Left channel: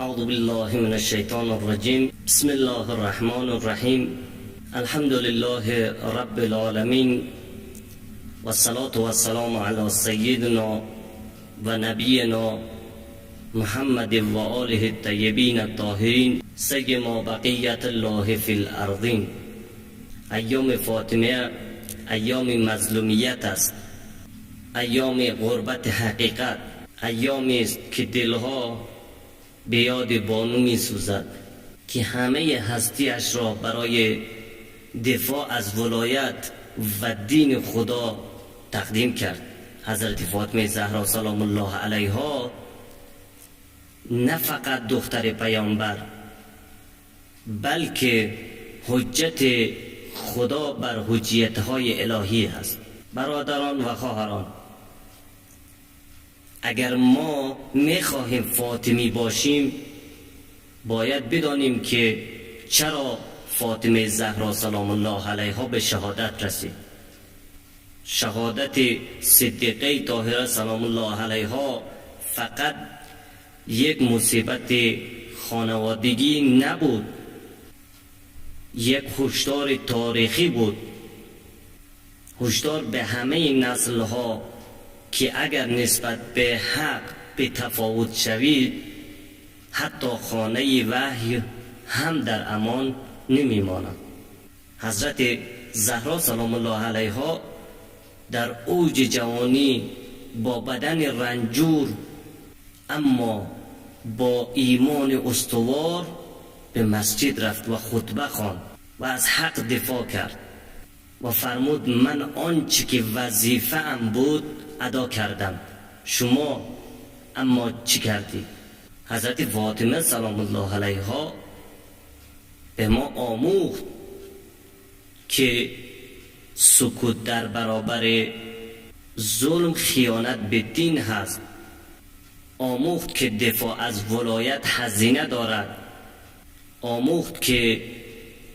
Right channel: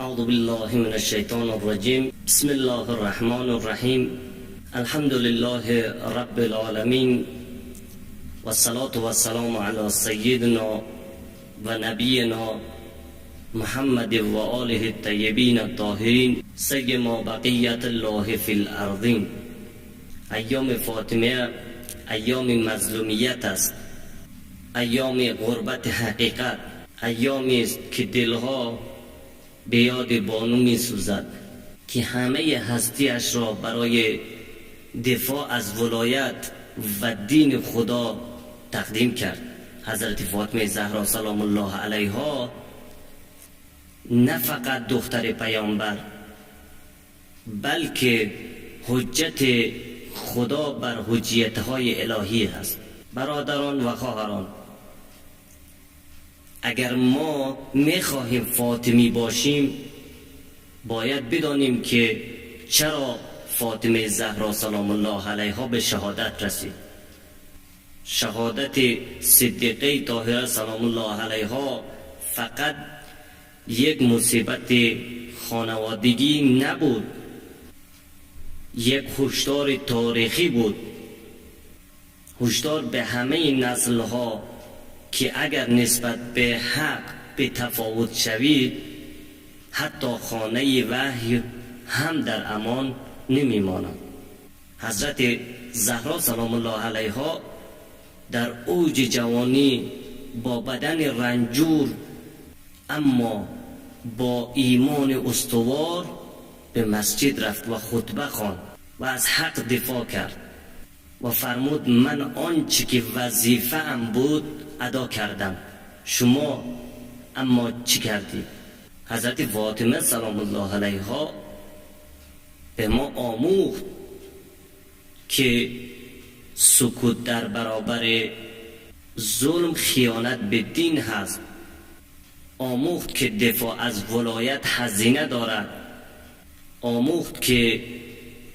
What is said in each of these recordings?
اعوذ بالله من الشیطان الرجیم. بسم الله الرحمن الرحیم. الحمد لله رب العالمین و الصلاة و السلام علی سیدنا و نبینا محمد و آله الطیبین الطاهرین سیما بقیت الله فی الارضین. ایام فاطمه ایام مظلومیت است، ایام غربت حقیقت، ایامی است که دلها به یاد بانو می سوزد که همه هستیش را برای دفاع از ولایت و دین خدا تقدیم کرد. حضرت فاطمه زهرا سلام الله علیها نه فقط دختر پیامبر بلکه حجت خدا بر حجیت‌های الهی است. برادران و خواهران، اگر ما میخواهیم فاطمی باشیم باید بدانیم که چرا فاطمه زهرا سلام الله علیها به شهادت رسید. شهادت صدیقه طاهره سلام الله علیها فقط یک مصیبت خانوادگی نبود، یک هشدار تاریخی بود، هشدار به همه نسل‌ها که اگر نسبت به حق به تفاوت شوید حتی خانه وحی هم در امان نمیماند. حضرت زهرا سلام الله علیها در اوج جوانی با بدن رنجور اما با ایمان استوار به مسجد رفت و خطبه خواند و از حق دفاع کرد و فرمود من آنچه که وظیفه ام بود ادا کردم، شما اما چی کردید؟ حضرت فاطمه سلام الله علیها به ما آموخت که سکوت در برابر ظلم خیانت به دین هست. آموخت که دفاع از ولایت هزینه دارد. آموخت که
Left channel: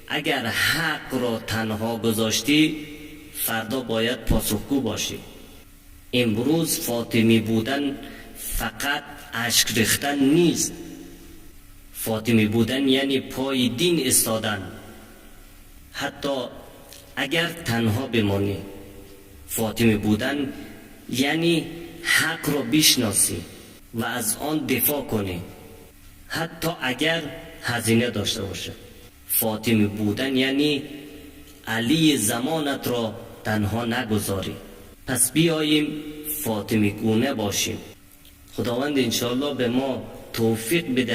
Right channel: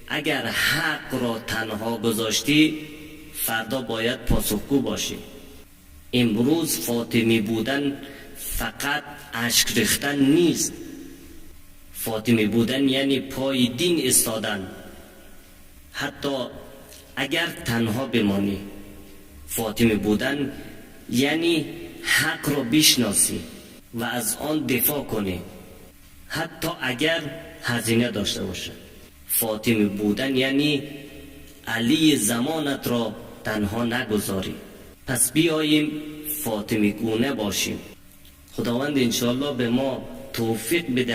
اگر حق را تنها گذاشتی فردا باید پاسخگو باشی. امروز فاطمی بودن فقط اشک ریختن نیست. فاطمی بودن یعنی پای دین ایستادن. حتی اگر تنها بمانی، فاطمی بودن یعنی حق را بشناسی و از آن دفاع کنی حتی اگر هزینه داشته باشه. فاطمی بودن یعنی علی زمانت را تنها نگذاری. پس بیاییم فاطمی گونه باشیم. خداوند انشاءالله به ما توفیق بده